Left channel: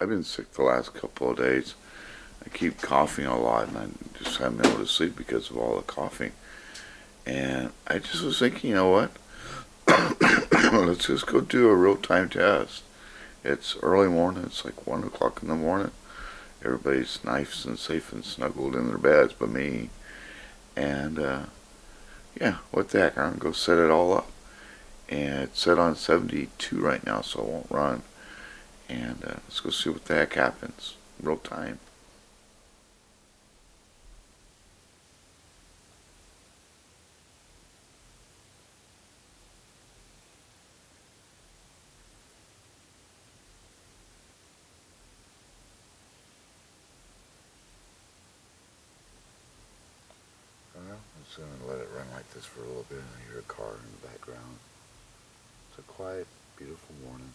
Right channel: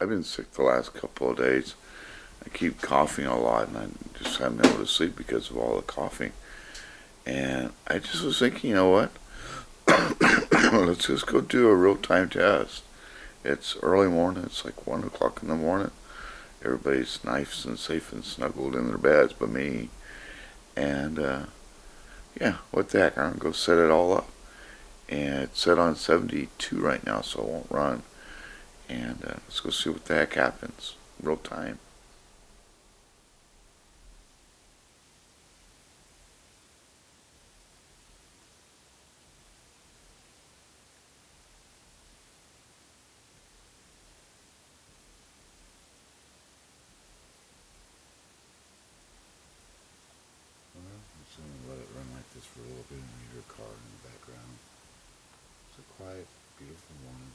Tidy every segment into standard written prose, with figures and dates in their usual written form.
I've been sick the last couple of days. I keep coughing a lot, and I just haven't been able to sleep because of all the coughing. And I just was thinking, you know what? Let's just go do a real time test. It's early morning. It's like 1 o'clock in the morning. Everybody's nice and safe and snuggled in their beds, but me. And yeah, what the heck? I'm gonna go set it all up. And it's set on 72 right now, so it won't run. And let's go see what the heck happens. Real time. Well, I'm just gonna let it run like this for a little bit, and I hear a car in the background. It's a quiet, beautiful morning.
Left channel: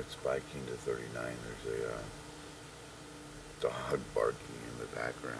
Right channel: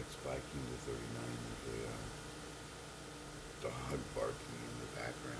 it's spiking to 39. There's a dog barking in the background.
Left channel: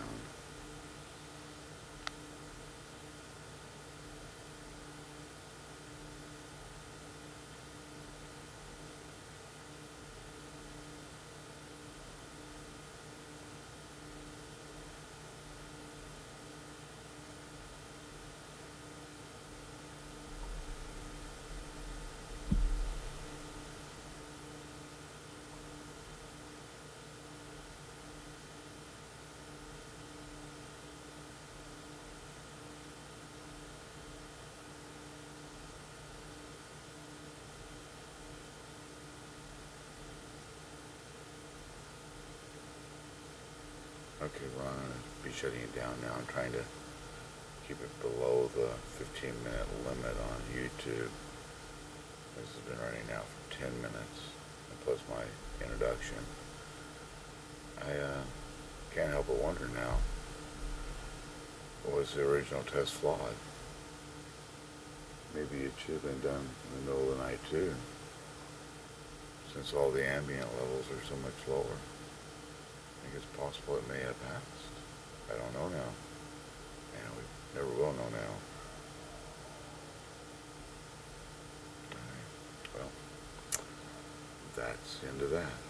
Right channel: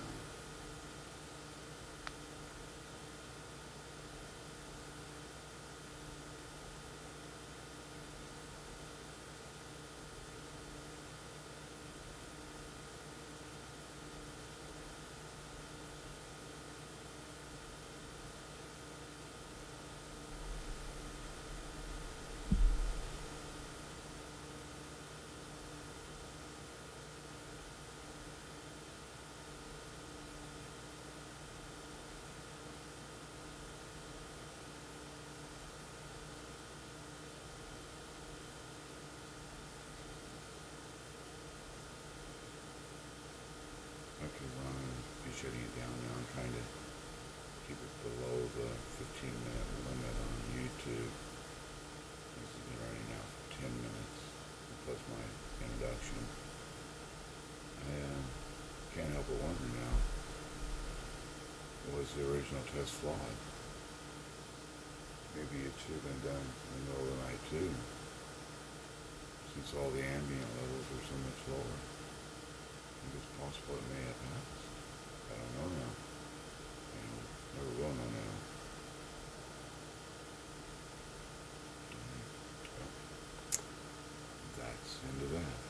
Okay, Ron, I'll be shutting it down now. I'm trying to keep it below the 15-minute limit on YouTube. This has been running now for 10 minutes, plus my introduction. I can't help but wonder now, was the original test flawed? Maybe it should have been done in the middle of the night too, since all the ambient levels are so much lower. I think it's possible it may have passed. I don't know now. Yeah, we never will know now. Well, that's the end of that.